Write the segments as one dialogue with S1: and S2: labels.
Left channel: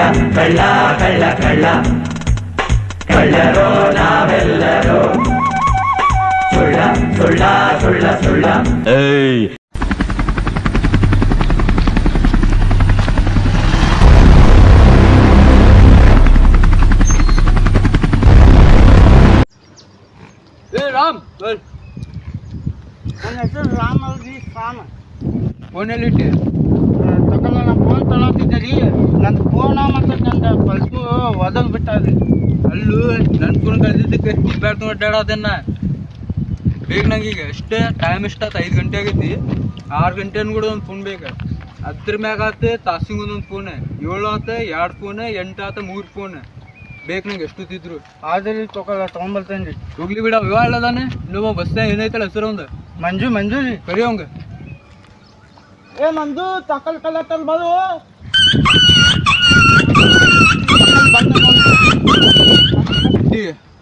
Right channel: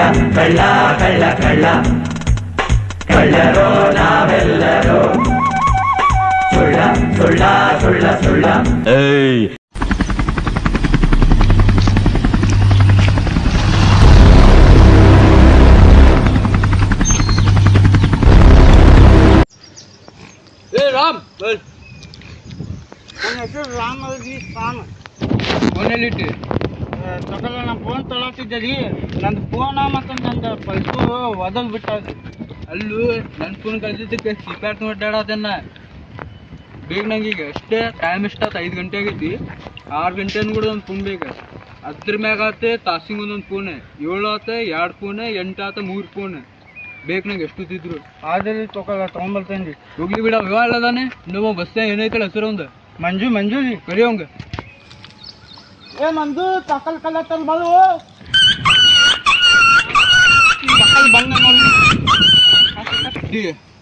S1: ಕಳ್ಳ ಕಳ್ಳ ಕಳ್ಳ ಕಳ್ಳರೋ ನಾವೆಲ್ಲರೂ ಸುಳ್ಳ ಸುಳ್ಳ ಸುಳ್ಳ ಸುಳ್ಳ
S2: ಏಯ್
S3: ಏ ರಾಮ್
S4: ನನ್ನ ಹೆಸರು ತಗೊಳ್ಳ ನಾ ಫೋನ್ ತಗೊಳ್ತಿದ್ದೆ ರೀ. ನನ್ನ ಫೋನ ಮತ್ತು ನಂದು ಬಲ್ಪು ಒದಗ್ ಬಿಟ್ಟದ್ರಿ
S3: ಅಲ್ಲೂ ನನ್ನ ಫೋನ್ ಕಳ್ದಿದ್ದಕ್ಕೆ ಬ್ಯಾಟ್ ಅಡ್ಡಾಡೋದನ್ನ ಬೇಗ ನಂಗೆ ಈಗ ಎಷ್ಟೇ ಟೈಮ್ ಎಷ್ಟಾಯ್ತು ಐದು ಗಂಟೆ ಆಗೈತಿ. ಆರು ಗಂಟೆನೂ ಕೂಡ ಒಂದು ಫೋನ್ ಬೇಕು. ಅದ್ರ ಮ್ಯಾಗ ಆತ ತಾಸಿಗೆ ಒಂದೊಂದು ಫೋನ್ ಏಳು ಆತ ಎರಡು ಫೋನ್ ಎಂಟು ಆತ ಮೂರು ಫೋನ್ ಬೇಕು ನಂಗೆ ಎಷ್ಟು ತಿದ್ರು
S4: ಆದ್ರೆ ತಗೊಳ್ಳ ತೊಗೊಂಬರ್ತೇನೆ ರೀ.
S3: ಹೋಗ್ಲಿ ಬಿಡ ವಿವಾಹ ಅದಾನೆ. ಇನ್ನೊಬ್ಬ ಬಸ್ ಏನೈತಲ್ಲ ಹೆಸರು ಒಂದು?
S4: ಮಂಜು ಮಂಜು ರೀ.
S3: ಕರಿಯೋಂಗ
S4: ಏ ಮಂಜು ತಕಲ್ ಕಲ್ಲತ್ತಲ್ ಬರು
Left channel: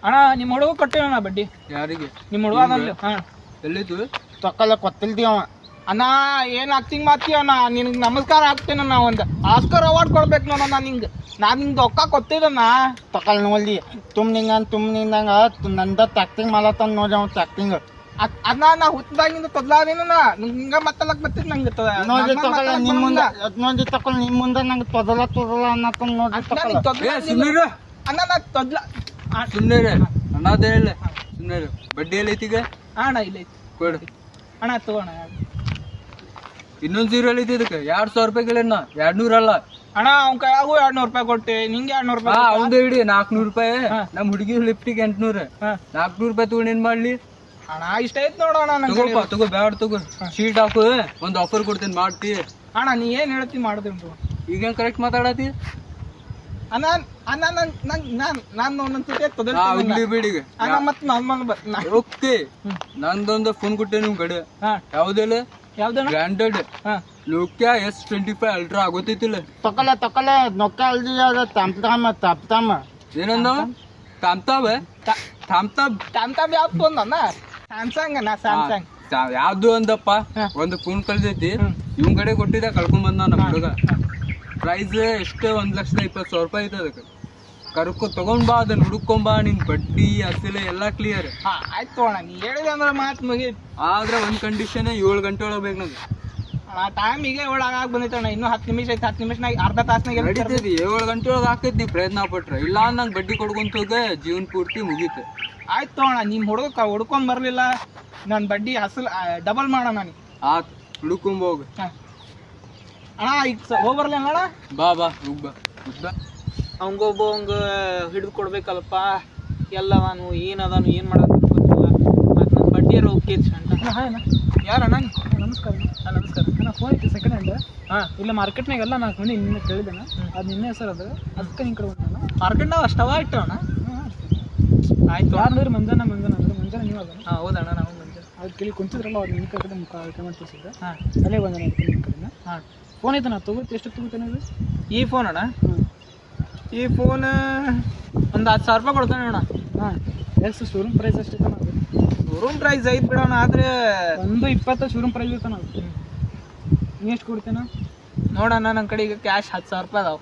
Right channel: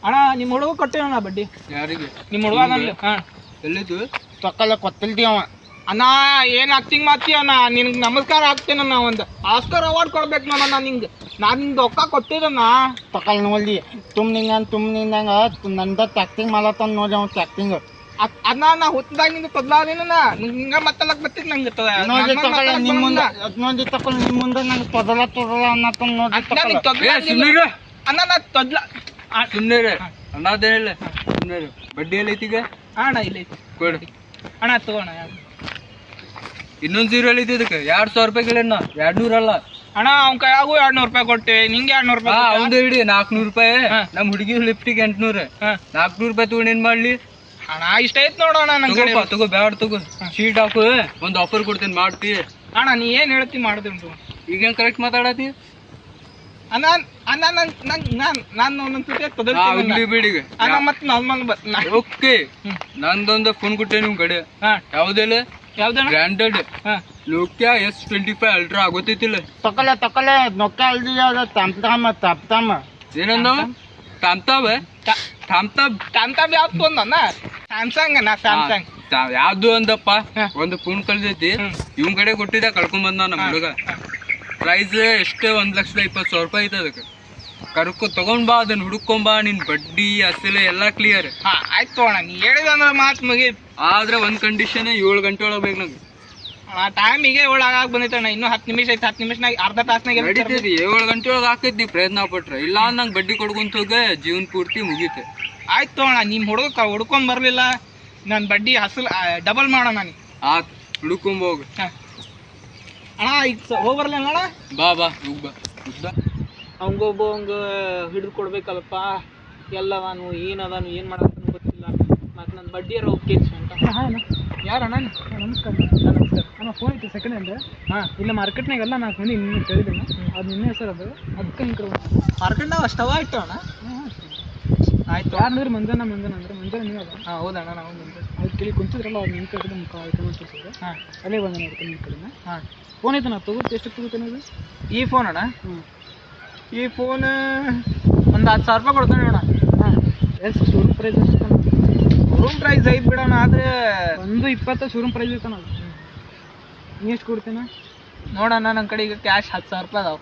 S5: ಅಣ್ಣ ನಿಮ್ಮ ಹುಡುಗ ಕೊಟ್ಟೇವಣ್ಣ ಬಡ್ಡಿ.
S3: ಯಾರಿಗೆ?
S5: ನಿಮ್ಮ ಹುಡುಗ ಅದನ್ಲಿ ಹಾಂ.
S3: ಎಲ್ಲಿತ್ತು
S4: ತಕಲ್ಲ ಕೊತ್ತಿಲ್ತಿ ಅವ.
S5: ಅಣ್ಣ ಏನ್ ಆಕ್ಟಿಂಗ್ ಮಾಡ್ತೀಯಣ್ಣ ನಿನಗೆ ನಮಸ್ಕಾರ ಹಾಕ್ತೇನಣ್ಣ ಒಂದು. ಆಸ್ಕರ್ ಅವಾರ್ಡ್ ಕೊಡ್ಬೇಕು ನಾನು ನಿಂಗೆ. ನಾನು ನಿಂಗೆ ರೊಕ್ಕ ಕೊಟ್ಟಿದ್ದಣ್ಣ
S4: ತಕಲ್ ನೋಡಿ ತುಮ್ ನಿಂಗೆ ತುಮ್ ನಿಂದಂಗ ನಂದ ಟ್ಯಾಕ್ಟಿಂಗ್ ಮಾಡತ್ತಾನ ನೋಡಿ ಅವ ಟ್ಯಾಕ್ಟಿಂಗ್
S5: ಅದ್- ಅದನ್ನ ನಾ ಹುಟ್ಟದಾಗ ನಿಂಗೆ ತೊದ್ಲಾದೇನಣ್ಣ ಹಿಂಗ ಮತ್ತಲಕ್ ಬತ್ತಿದ್ ನಂಗೆ ನಿಮ್ಮ
S4: ನಿಮ್ ಮುಂದೆ
S5: ಬರಲ್ಲ.
S4: ಅದ್ ನೋಡಿ ತಕೊಳ್ ನಿಮ್ ಮುಂದೆ ನಂಗೆ ತೊದಲ ತೊದಲ ಅನ್ನತ್ತ ನೋಡಿ
S5: ಅಣ್ಣ,
S4: ತಕೊಳ್ಳ
S5: ತೊದ್ಲ
S3: ಏ ಸುಮ್ಮನೆ
S5: ಅಣ್ಣ ನಾ ತೊದ್ಲ ಆ,
S3: ಸುಮ್ಮನೆ ಅನ್ನೋದೇನಿಲ್ಲ ಸುಮ್ಮನೆ ಬಡ್ಡಿ ಎಲ್ಲ ಐತಿ ಈಗ
S5: ಅಣ್ಣ ಇಲ್ಲ ಐತಿ.
S3: ಕೊಡು
S5: ಅಣ್ಣ ತಗೋಣ
S3: ಇನ್ನೊಂದು ಜೀರೋ ಐತಿ ಇದಕ್ಕೆ. ಎರಡ್ ಸಾವಿರ ರೂಪಾಯಿ ಎರಡ್ ನೂರ ಅಲ್ಲ.
S5: ಅಣ್ಣ ಅವ್ನ ಕೈಯಾಗೂ ಎರಡ್ ನೂರು ರೂಪಾಯಿ ಕೊಟ್ಟೆ. ನಿಂಗೆ ಎರಡ್ ನೂರು ರೂಪಾಯಿ
S3: ಅವಂದು ಇಡಿ ನಾಲ್ಕುನೂರು ರೂಪಾಯಿ.
S5: ಹಾ.
S3: ನಮ್ಮ ಹುಡುಗಿ ಲಿಫ್ಟಿಗೆ ಎಂಟ್ನೂರು.
S5: ಹಾ.
S3: ನಾಲ್ಕುನೂರು ರೂಪಾಯಿ ತಗೊಂಡು ಏನ್ ಮಾಡ್ಲಿ?
S5: ಅಣ್ಣ ಇಷ್ಟ ಐತ್ ನೋಡೋಣ ನನ್ ಕಡೆ.
S3: ತಗೋ ಬ್ಯಾಡ ತಗೋ. ಶೀಟ್ ಹಾಕು ಒಂದು ಆಫರ್ ಕೊಡ್ತೀನಿ ಮಾಡ್ತಿ.
S5: ಅಣ್ಣ ನೀ ಏನ್ ಹೇಳ್ತಿ ಮಾಡುದು
S3: ಈಗ ಕರೆಕ್ಟ್ ಮಾತಾಡತಿ?
S5: ಅಣ್ಣ ಅಣ್ಣ ನನ್ ನನ್ ನಾನ್ ನಾನು
S3: ಇಲ್ಲಿ ಬಿಡಿಗ
S5: ಅಣ್ಣ ಮತ್ ನಾರ್ಮಲ್ ಬರ್ ನಾ-
S3: ಓಕೆ. ನಂದೊಂದು ಫೋನ್ ಕೊಟ್ಟೆ ನಿಮ್ ಕಡೆ.
S5: ಹಾ.
S3: ಯಾವ್ದೆಲ್ಲ
S5: ಯಾವ್ದಣ್ಣ
S3: ಬ್ರ್ಯಾಂಡೆಡ್
S5: ಹಾ.
S3: Nokia S twenty five ultra ಆಗೋತೈತಿಲ್ಲ.
S4: ತಕೊಳ್ಳ ತಕೊಳ್ಳ ನೋಕ್ಯಾ ಅಲ್ದಿ ಅದ ತಮ್ತಾಮ ತಪ್ತಾಮ
S3: ಏನಂದ? ತಾಮ್ತಾವ
S5: ತ-
S3: ತಾಮ್ತಾಬ್
S5: ಯಾವ್ದು ಫೋನ್ ತೊಂದಣ್ಣ ಸ್ಯಾಮ್ಸಂಗ್ ನಾ ಸ್ಯಾಮ್ಸಂಗ್
S3: ಯಾವ್ದು ಅಂದಪ್ಪ? ಒಂದು ಫೋನ್ ಕಳ್ದೈತಿ. ಇವನ್ ಕಡೆ ಕೊಟ್ಟಿದ್ದ ಕಳ್ಕೊಂಡ್ ಬಂದ ನಮ್ ಹುಡುಗ. ಪ್ರೈಸ್ ಎಷ್ಟೇ ಒಂದ್ ಲಕ್ಷದ ಇಪ್ಪತ್ ಸಾವಿರ ರೂಪಾಯಿ ಐತೆ ಅದಕ್ಕೆ. ಕರ್ಕೊ ತಗೊಂಡ್ ಬಾ ಅದನ್ನ ಹುಡುಕೊಂಡ್ ಬಾ ನಿನ್ ಬಡ್ಡಿ ಅಸಲೆ ಎಲ್ಲಾ ಕ್ಲಿಯರ್
S5: ಹಾ ಆಯ್ತು ತಗೋಣ. ನೀ ಹೇಳಿದಂದ್ರೆ ಮಾತು ಮುಗಿ
S3: ಆದ್ರೆ ಒಂದ್ ಕಂಡೀಷನ್ ಏಳು ಗಂಟೆ ಒಳಗೆ ಬೇಕು ನಂಗೆ.
S5: ಅಣ್ಣ ಟೈಮಿಗೆ ಒಳಗಾಗ ಬಂದೈತಣ್ಣ ಇನ್ನೂ ಹತ್ತು ನಿಮಿಷ ಐತೆ ಹತ್ತು ನಿಮಿಷನಾಗ ಅರ್ಧ ತಾಸ್ನಾಗ
S3: ನಡೀತೈತಿ. ಏಳು ಗಂಟೆ ಒಳಗೆ ಹಾಕೈತಿ ನೀ ಪ್ರಯತ್ನ ಪಟ್ರೆ. ಇಲ್ಲ ನಂಗೆ ಬಡ್ಡಿ ಕೊಡ್ಕೊಂತ ಹೋಗ ಜೀವನ ಪೂರ್ತಿ ಮುಗೀತು.
S5: ಆಯ್ತು ಅಣ್ಣ ನಿಮ್ಮ ಹುಡುಗ ಹುಡ್ಕೊಂಡ್ ಬರಲಿಲ್ಲ ನನ್ನ ಬಡ್ಡಿ ಹಸಲ್ ಡಬಲ್ ಮಾಡೋಣ ನೀ.
S3: ಆತ್ ಹುಡುಕೊಂಡ್ ಹೋಗ.
S5: ಅಣ್ಣ ಈಗ ಹೋಗಿ ಬರ್ಲಿಲ್ಲ ಅಣ್ಣ
S3: ಬಾ ಬಾ ಹೋಗ್ ಬಾ. ಉದ್ದ
S5: ಅವಂಗೊಬ್ಬ ಅವಂಗ ಹಿಡಿದು ಕೊಡ್ಬೇಕಲ್ಲಪ್ಪ. ಎಲ್ಲ ನಾನು ಏನದಾನು ಏನು ಮಾಡೋದು ಗೊತ್ತಿಲ್ಲ ಮತ್ತು ಅಂತ. ಹಾಂ ಅಣ್ಣ. ಯಾರು ಅಣ್ಣ
S6: ನಮಸ್ಕಾರ. ಹಾಂ ನಮಸ್ಕಾರ. ಅಣ್ಣ ಫೋನ್ ಐತಿ ಸೆಕೆಂಡ್ ಹ್ಯಾಂಡ್
S5: ಹಾಂ.
S6: ಇಲ್ಲ ಮಾರ್ಕೆಟ್ನಾಗ ಎಲ್ಲ ನಾಲ್ಕು ಮಂದಿ ನಿನ್ನೆ ಕೇಳಿದ್ದೇನೆ. ಅದು ನಿನ್ನೆ ಹೆಸರು ಅದು. ಅದಕ್ಕೆ ಹಿಂಗೆ ನಾನು
S5: ಅವ ಅಷ್ಟವ ಇಟ್ಟು ಅಣ್ಣ?
S6: ಹಾಂ ಅಷ್ಟೇ.
S5: ಆಯ್ತು.
S6: ಯಾರು ಅಂದ್ರೆ ಮಂಜಾನ ಮಂಜಾನ ಅಂದ್ರೆ. ಮಂಜಾನ ನೀವು ಅದ
S5: ಹಾಂ ಹೌದಣ್ಣ ನಾವು ಬಂದೆ
S6: ಅದು ಕೇಳಿ ಕುಂತಿದ್ರಲ್ಲ ಅವ್ರು ನಿಮ್ಮ ಕಡೆ ಮುಖ ಕಮೆಂಟ್ ತೋರಿಸಿದ್ರು
S5: ಹಾಂ.
S6: ಅಲ್ಲೇ ಬಂದ ನಿಮ್ಮ ಕಡೆ
S5: ಹಾಂ.
S6: ಫೋನ್ ಐತೆ ನಾ ತಗೋ ಎಷ್ಟು ತಗೋತಾನೆ ಅದು
S5: ಈ ಫೋನ್ ಅಣ್ಣ? ಈ ಫೋನ್ ಒಂದು ಹತ್ತು ಸಾವಿರ ರೂಪಾಯಿ ಕೊಡ್ತಾನೆ ಅಣ್ಣ.
S6: ಹಾಂ. ಎಷ್ಟು ಶೋರೂಮ್ ಪ್ರೈಸ್ ಎಷ್ಟು
S5: ರೂಮ್ ಪ್ರೈಸ್ ಐದು ಬಿಡೋಣ ಆದರೆ
S6: ಒಂದು ಇಪ್ಪತ್ತು ಶೋರೂಮ್ ಪ್ರೈಸ್ ಇರ್ತಾನ ನೀ ಎಷ್ಟು ಕೊಡ್ತೀನ?
S5: ನೋಡೋಣ ನನ್ನ ಕಡೆ ಈಗ ಕ್ಯಾಶ್ ಹತ್ತು ಸಾವಿರ ರೂಪಾಯಿ ಅದಾವೆ.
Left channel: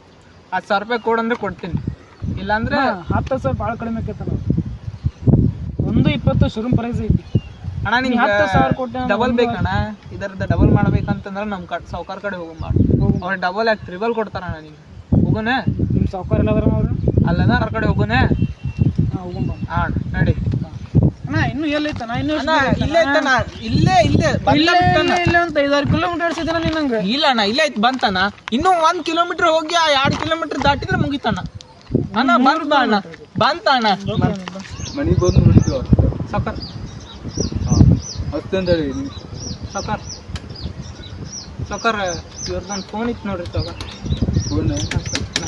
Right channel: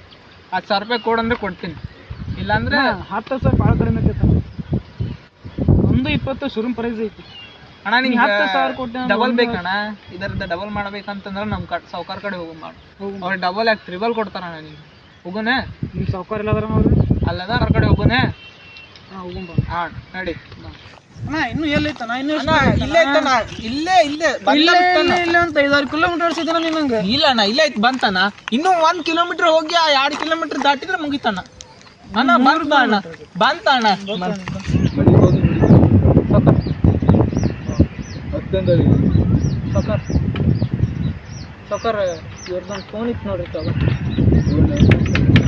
S5: ಹತ್ತು ಸಾವಿರ ರೂಪಾಯಿ ಕೊಡಂದ್ರೆ ಕೊಡ್ತೀನಿ. ಇಲ್ಲಾಂದ್ರೆ
S6: ಹತ್ತು ಸಾವಿರ ಭಾಳ ಕಡಿಮೆ ಆಗ್ತೈತಾನ ಒಂದು ಇಪ್ಪತ್ತು ಶೋರೂಮ್ ಪ್ರೈಸ್ ಐತಿ.
S5: ಅಣ್ಣ ನಿಂಗೆ
S6: ಹತ್ತು ಸಾವಿರ ಕೊಟ್ಟೆ
S5: ಡಬಲ್ ಬೇಕಣ್ಣ. ಇದರದ ಡಬಲ್ ಮಾಡ್ಬೇಕಂತಂದ್ರೆ ನಮ್ಮ ಕಡೆ ಸಾವ್ಕಾರ ಕಡೆ ಹೋಗಿ ಮಾಡಿ. ಅವ್ರು ಡಬಲ್ ಯಾಕೆ ತ್ರಿಬಲ್ ಕೊಡ್ತಾರಣ್ಣ ನಿಂಗೆ ಹೋಗೋಣ
S6: ನಿಮ್ಮ ಸಾವುಕಾರ ಇಲ್ಲದ್ರ ಅವರು ಅವ್ರು
S5: ಅಲ್ಲದ ಅವ್ರ ಕಡೆ ಹೋಗೋಣ
S6: ಹಾಂ ಹೋಗೋಣ
S5: ಹಾಂ ನಡಿ.
S6: ಅಣ್ಣ ಇನ್ನು ಎಲ್ಲೈತ ಇನ್ನೂ
S5: ಅಣ್ಣ ಇಲ್ಲೇ ಐತಣ್ಣ ಇಲ್ಲೇ ಇಲ್ಲೇ ಬಂದ
S6: ಇಲ್ಲೇ ಇಲ್ಲ ಅಂತ ಐದಾರು ಕಿಲೋಮೀಟರ್ ಇದ್ದಾನ ನಿನ್ನಂಗೆ
S5: ಇಲ್ಲ ಅಣ್ಣ ಇಲ್ಲೇ ಐತ್ ಬಂತಣ್ಣ. ಇನ್ನೂ ಒಂದ್ ಕಿಲೋಮೀಟರ್ ಹೋಗಿ ಆ ಎರಡು ಕಿಲೋಮೀಟರ್ ದಾಟಿದ್ರೆ ಮುಗಿತಣ್ಣ. ಅಣ್ಣ ಬಂತ ಅಣ್ಣ ಬಂತ ಅಣ್ಣ.
S3: ಮನೆಗೆ ಹೋಗಿ ನೋಡಿ
S5: ಸಕರ್
S3: ಅಷ್ಟಂದೇಳಿ
S5: ಸಕರ್ ಸಕರ್ ಇವ್ರದ್ದು ಫೋನ್ ಇತ್ತು ನೋಡ್ರಿ ತಗೋ.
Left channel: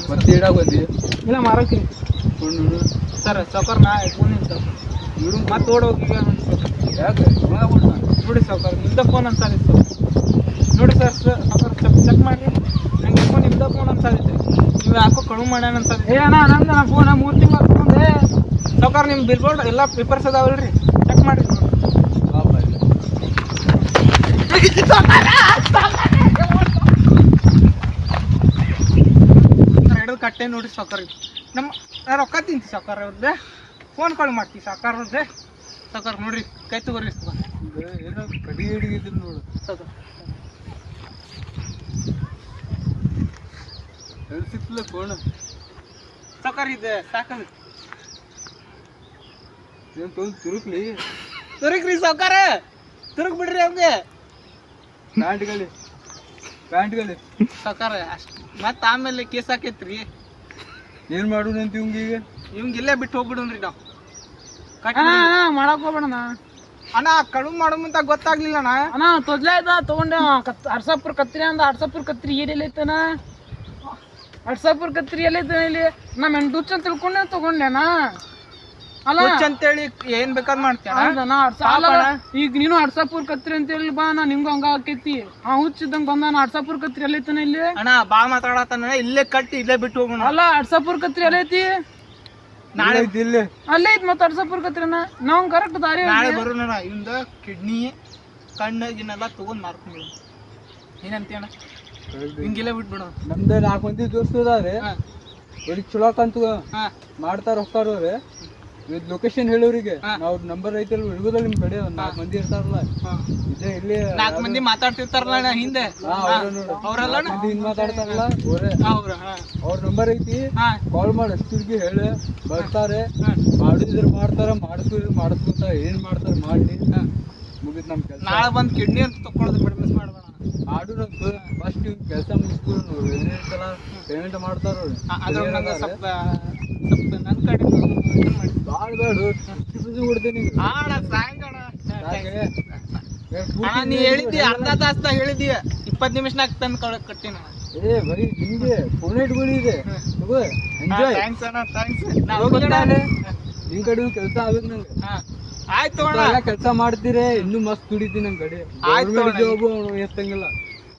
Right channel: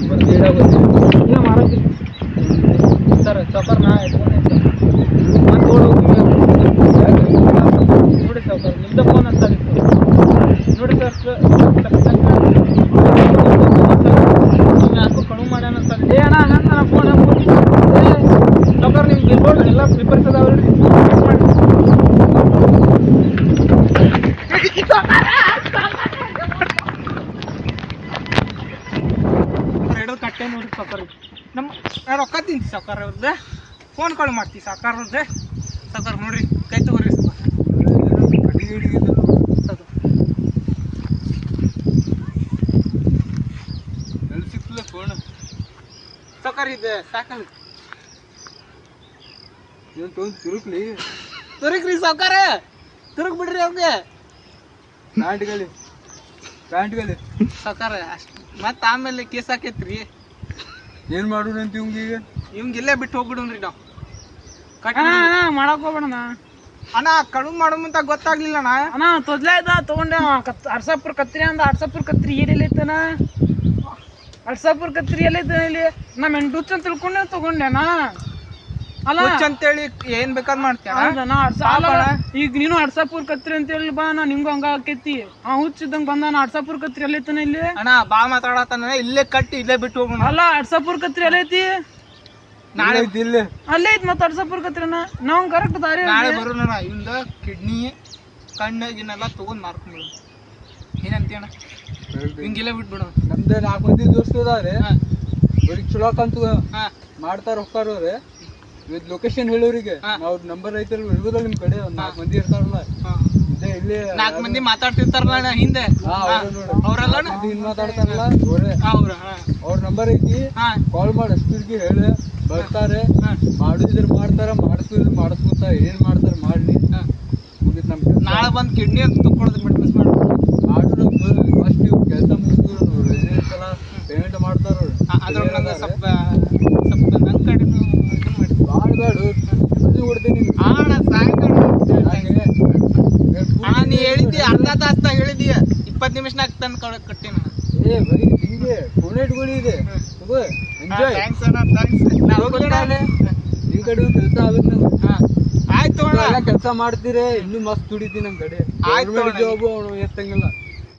S3: ಬರ್ತಿ ಇಡಾಗೋತಿ
S5: ಏನು ಮಾರುತಿ ಸರ್ ಸಕರ್ ನಾ ಫೋನ್ ಇತ್ತು ಮತ್ತೆ ಓಡೋಗಿ ನೋಡಿ ಸಕರ್ ನಿಮ್ದ ಫೋನ್ ಅಂತ ಅನಿಸ್ತು ನೋಡಿ ಸರ್ ಸ್ವಲ್ಪ ಚೆಕ್ ಮಾಡಿ. ಯಾಕೋ ಕಡಿಮೆ ಮಾಡ್ಯಾನ ಅಂತ
S6: ಏ ಅಣ್ಣ ನನ್ನ ಫೋನ್ ಮೂರ್ತಿ
S5: ಸಕರ್ ನಿಮ್ಗೆ ಬಿಲ್ ಎಲ್ಲ ಪೇಪರ್ಸ್ ಚೆಕ್ ಮಾಡಿ ಹಿಡಿದು ನೋಡಿ ಸಾವ್ಕಾರ ನಮ್ಮ ನಾ ರೊಕ್ಕ ತಿಂತಿ ಸಾವ್ಕಾರ ಅವ್ರದ್ದು ಫೋನ್ ಕಾಲ್ ಮಾಡ್ತೀವಿ ಸಾವ್ಕಾರ ಅವ್ರದ್ದೆ ಸಾವ್ಕಾರ ನೋಡ್ರಿ ಕೈ ತಗೋರಿ ಸಾವ್ಕಾರ
S3: ಸಿಕ್ಕಿಲ್ಲ ಫೋನ್
S5: ಸಾವ್ಕಾರ ಇದು
S3: ತೊಂದು ತುರುಕ್ಲಿ
S5: ತುರುಕ್ರಿ ಸಾವ್ಕಾರ ತುರುಕ್ ಬಿಡ್ರಿ ಅವ್ಗೆ
S3: ಪ್ಯಾಂಟ್ಗಳಿ ಪ್ಯಾಂಟ್ಗಳಿ.
S5: ಸಾವ್ಕಾರ ಅಷ್ಟು ಮತ್ತೆ ಆಮೇಲೆ ಕೇಸ್ ಹಾಕೈತ್ರಿ.
S3: ಏನು ಮಾಡೋಣಂತ ಇವಂಗೀಗ
S5: ಇವಂಗ ಇಲ್ಲೇ ಬಿಟ್ಟು ಹೋಗ್ಬಿಡೋನ್ರಿ ನಾವು. ಕಟ್
S6: ಮಾಡಕ್ ಹೋಗ್ಬೇಡಣ್ಣ.
S5: ಅಣ್ಣ ಕಳು ಮಾಡೋ ಮುಂತ ಗೊತ್ತಾಗ್ಲಿಲ್ಲ ಅಣ್ಣ.
S6: ಅಣ್ಣ ತೊದ್ಲ ಇದ್ದ ತಗೊಂಡೆ ಕತ್ ಅರ್ಸಾಪುರ ಕತ್ರಿ ಅಂದ ಅರ್ಸಾಪುರ ಕತ್ರಿ ಏನಿಲ್ಲ ಐತನ ಅಡ್ಸಾಪುರ್ ಕತ್ರಿ ಎಲ್ಲ ಐತನ ಇಲ್ಲಿ? ನಮ್ಮ ಹೆಣ್ಣು ಅಂತ ತಿಳ್ಕೊಂಡೆ ತಗೊಂಡೆನಾ
S5: ಹುಚ್ಚ ಅಂತೇಳಿ ಏನ್ ಬೇಕಾದ್
S6: ಮಾಡ್ತೀನಿ ಈಗ ನೀನು ಅಡ್ಸಾಪುರ್ ಕತ್ರಿ ಅಂತ ಹೇಳಿ ಬಾ ನಾ ನಿಂಗೂ ಹಂಗ ಆಕೈತಿ. ಆ ಹುಚ್ಚಿದಂಗ ಬಂದ ನಾ ಅಡ್ಸಾಪುರ್ ಕತ್ರಿ ಎಲ್ಲ ಐತನ ಇಲ್ಲಿ?
S5: ಅಣ್ಣ ಬಾ ಮಾತಾಡತಾನ ಇಲ್ಲೇ ಕಟ್ಟಿ ಇಲ್ಲೇ ಬಿಟ್ಟು ಹೋಗೋಣ
S6: ಅಲ್ಲ ಅಡ್ಸಾಪುರ್ ಕತ್ರಿ ಎಲ್ಲ ಐತಿ
S5: ನಾಳೆ
S3: ಇಲ್ಲೇ
S6: ಅಲ್ಲೇ ಐತಿ ಮತ್ತೆ ಅಡ್ಸಾಪುರ್ ಕತ್ರಿನ ನಾವ್ ಕರೆಕ್ಟ್ ದಾರಿ
S5: ನಾಳೆ ಬರೋಣ ಇಂದ ಕಿಡ್ನಿ ಕಣ್ಣು ಗಿನ್ನೆಲ್ಲ ತಗೊಂಡ್ ಮಾರ್ಕೊಂಡ್ಬಿಡು. ಏನಂತೀಯಣ್ಣ ಹಿಂಗಿಲ್ಲ ಬಿಟ್ಬಿಡು.
S3: ನಮ್ದೇ ನಾಲ್ಕು ಮಂದಿ ದೋಸ್ತ ಬರೀ ಚಲೋ ಕಂತು
S5: ಹಾ.
S3: ಮಾಡ್ತಾರ ಹೋಗ್ತಾರವ್ರೆ ಇದು ಲೊಕೇಶನ್ ಹೇಳೋರಿಗೆ. ನಾವು ನಂಬರ್ ಐತಲ್ ಹಿಡ್ಬೋದಲ್ಲ ನಿಮ್ ಕಡೆ ಒಂದ್ ನಾಲ್ಕು ಮಂದಿ ಇರ್ತಾರಲ್ಲ. ಇದೆ ಇಲ್ಲಿ
S5: ನಾಲ್ಕು ಮಂದಿ ಮಾತಾಡ್ತಿರ್ತಾರಲ್ಲ ಹಿಂದೆ? ಅವ್ರಲ್ಲ
S3: ಹಿಂಗ್ ಮಾತಾಡ್ತಾರಲ್ಲ ಅವ್ರೆ.
S5: ಅವ್ರ
S3: ನಂಬರ್ ಐತಿ ಕಾಲ್ ಮಾಡಿ ಅಷ್ಟಿಗೆ ಹೇಳಿ ಬರ್ತಾರೆ. ಮಾಡಿದ್ರ ಮಾಡ್ತಾರ ಮಾಡಿಸ್ಬಿಡ್ರಿ ಮಾಡಿಸ್ಕೊತ ಏನ್ ಮಾಡ್ತಾರ ಮಾಡ್ಲಿ. ಮುಗಿತ್ ನಮ್
S5: ನಾಳೆ ಬಂದ್ ಕಿಡ್ನಿ ಅಂತ ತಗೊಳೋದು ಬಿಟ್ಟು ಮಿಸ್ ಮಾಡ.
S3: ಮಾಡು ಫಸ್ಟ್ ಕೆಲಸ ಮುಗಿಸ್ಬಿಡು ಸಲ ಪೇಮೆಂಟ್ ಮಾಡ್ತಾರ
S5: ಸ್ವಲ್ಪ ಸ್ವಲ್ಪ ನನ್ನ ಕಡೆ ಇದನ್ನ ಮಾಡಿ
S3: ಬಾಳ್ ಬೇಡು ಬಿಸಿ ಕೊಡ್ತೀನಿ
S5: ಅಣ್ಣ ಸಾಯಂಕಾಲ ಅಣ್ಣ ನೀ ಹೇಳಿದ್ದಿ ಅರ್ಧ ತಾಸ್ದಾಗ ಹೇಳಿದ್ದಿ. ಇಪ್ಪತ್ತು ನಿಮಿಷನಾಗ ತಂದು ಕಳ ಕಟ್ಟಿನ.
S3: ಏ ಬರೀ ಹಿಂಗೆ ಫೋನ್ ಇಟ್ಕೊಳ್ಳಿ ಇದೆ
S5: ಥ್ಯಾಂಕ್ಸ್ ಅಣ್ಣ ಥ್ಯಾಂಕ್ಸ್
S3: ನಿಮ್ ಕಡೆ ಕೆಲಸ ಆಗುತ್ತೆ ನಂಗೆ.
S5: ಆಯ್ತು ಅಣ್ಣ.
S3: ಕೆಲಸ ಮಾಡ್ತೀರಿ ಇನ್ನೂ ಮಸ್ತ್ ದುಡಿತೀನಿ ನಮ್ ಕಡೆ.
S5: ಆಯ್ತು.
S3: ಜಾಬ್ ಅವನು ಎತ್ತಂಗಿಲ್ಲ.